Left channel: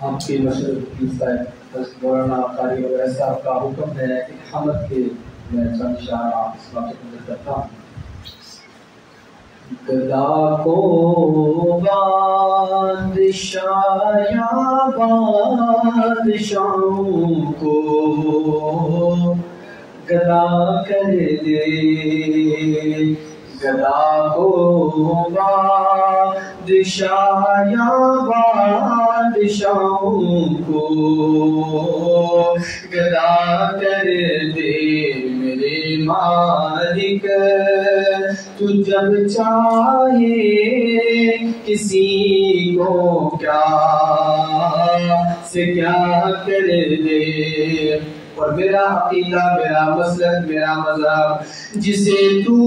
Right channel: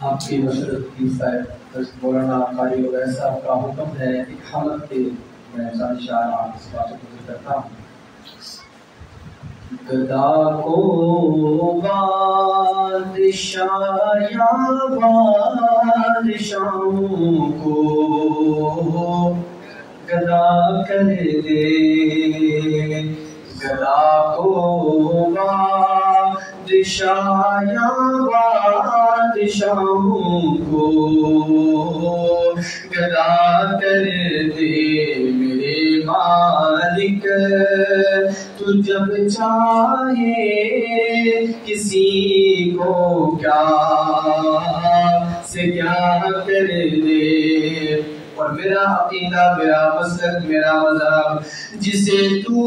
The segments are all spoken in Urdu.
آپ کی مشرق کی مولانا قاری وغیرہ صاحب کا حکم ہے ایک حمد کے میں چند اشعار آپ اس بات کو ذکر کرتا ہوں. گدا کو بادشاہ یا بادشاہوں کو گدا کر دے، گدا کو بادشاہ یا بادشاہوں کو گدا کر دے میرے مالک. تو جب چاہے کسی کو کیا سے کیا کر دے. اور میرا عقیدہ، میرا مسلک، میرا مذہب، جسے تو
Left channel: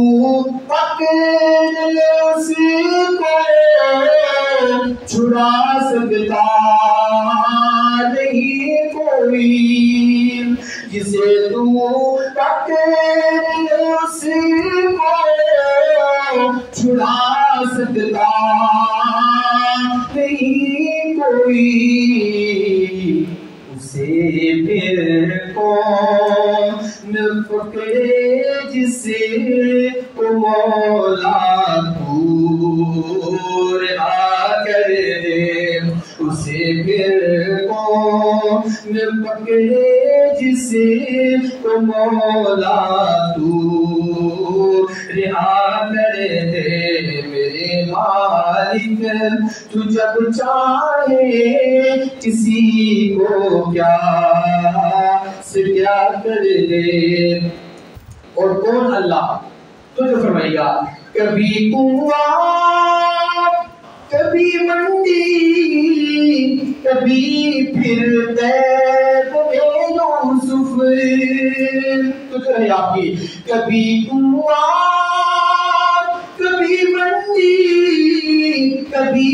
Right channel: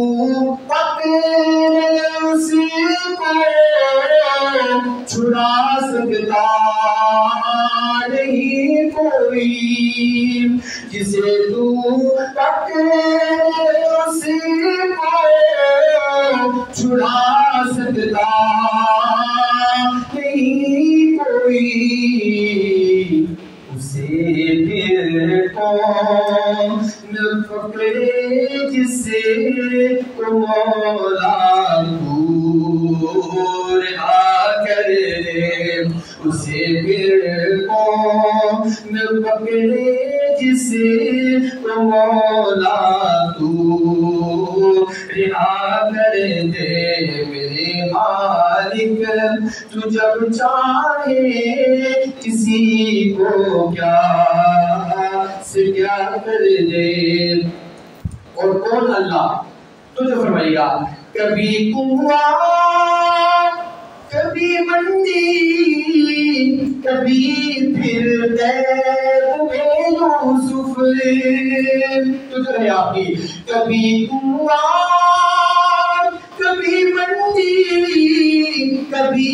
پکڑ اسی کو چھڑا سکتا نہیں کوئی. جسے تو پکڑ اسی کو چھڑا سکتا نہیں کوئی. اسے پھر کون پکڑے جسے کو مولا تو رہا کر دے. اسے پھر کون پکڑے جسے کو مولا تو رہا کر دے میرے مالک. تو جب چاہے کسی کو کیا سے کیا کر دے. اور کون اللہ؟ تو جو فرمائے گا کبھی کنواں کبھی منڈی کبھی پھر بیت میں یوسف. تو جو ہے آپ کی کبھی کنواں کبھی منڈی کبھی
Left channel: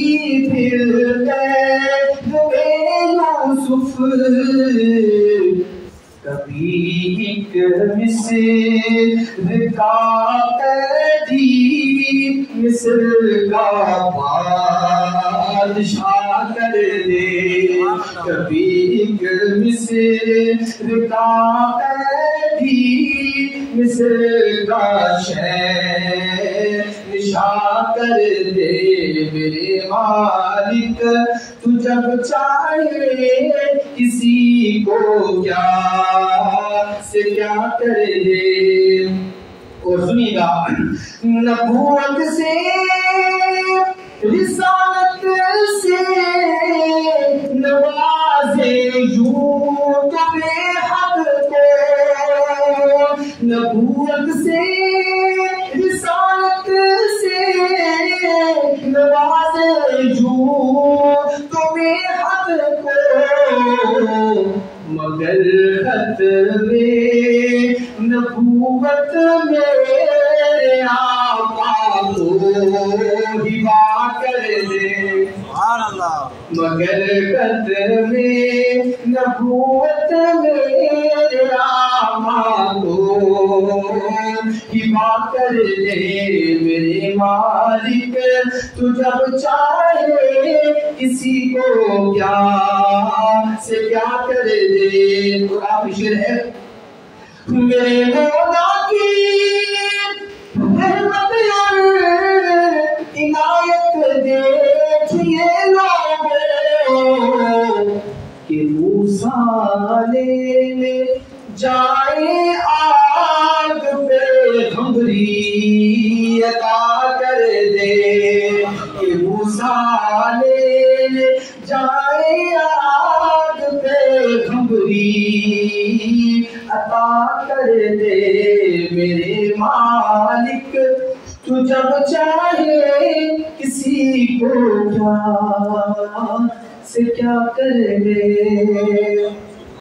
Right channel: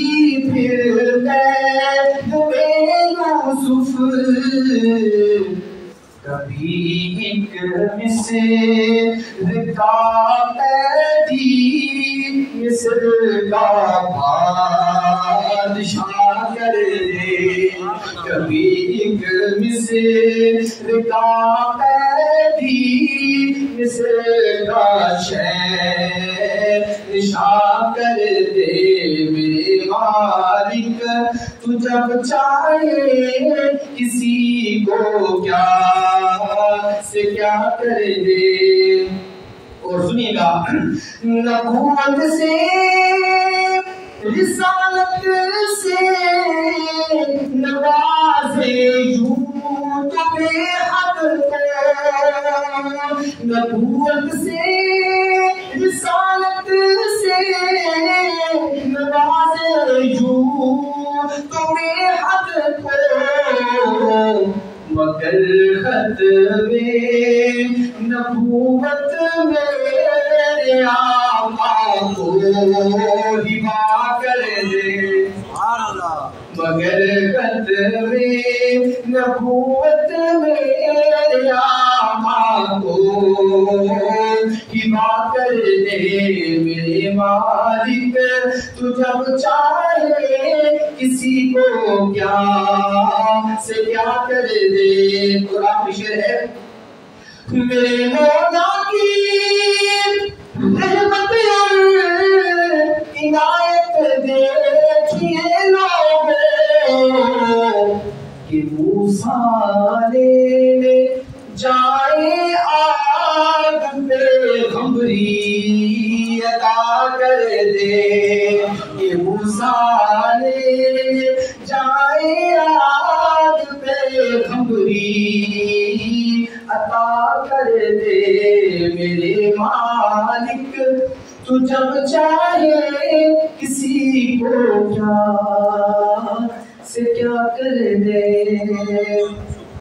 پھر بیت میں یوسف. کبھی ایک مصر کا قیدی مصر کا بادشاہ کر دے. کبھی ایک مصر کا قیدی مصر کا شہنشاہ کر دے میرے مالک. تو جب چاہے کسی کو کیا سے کیا کر دے. اور سنیے گا نبوت سے رسالت سے نوازے یوں تو بے حد کو. نبوت سے رسالت سے نوازے یوں تو بے حد کو. مگر ختم نبوت میرے آقا کو ہبا کر دے. مگر ختم نبوت میرے آقا کو ہبا کر دے میرے مالک. تو جب چاہے کسی کو کیا سے کیا کر دے. قرآن میں شعر ہے میرے مولا کی رحمت اور عنایت دیکھیے لوگوں کہ موسیٰ لینے جائے آگ پہ خمری عطا کر دے. کہ موسیٰ لینے جائے آگ پہ خمری عطا کر دے میرے مالک. تو جب چاہے کسی کو کیا سے کیا کر دے.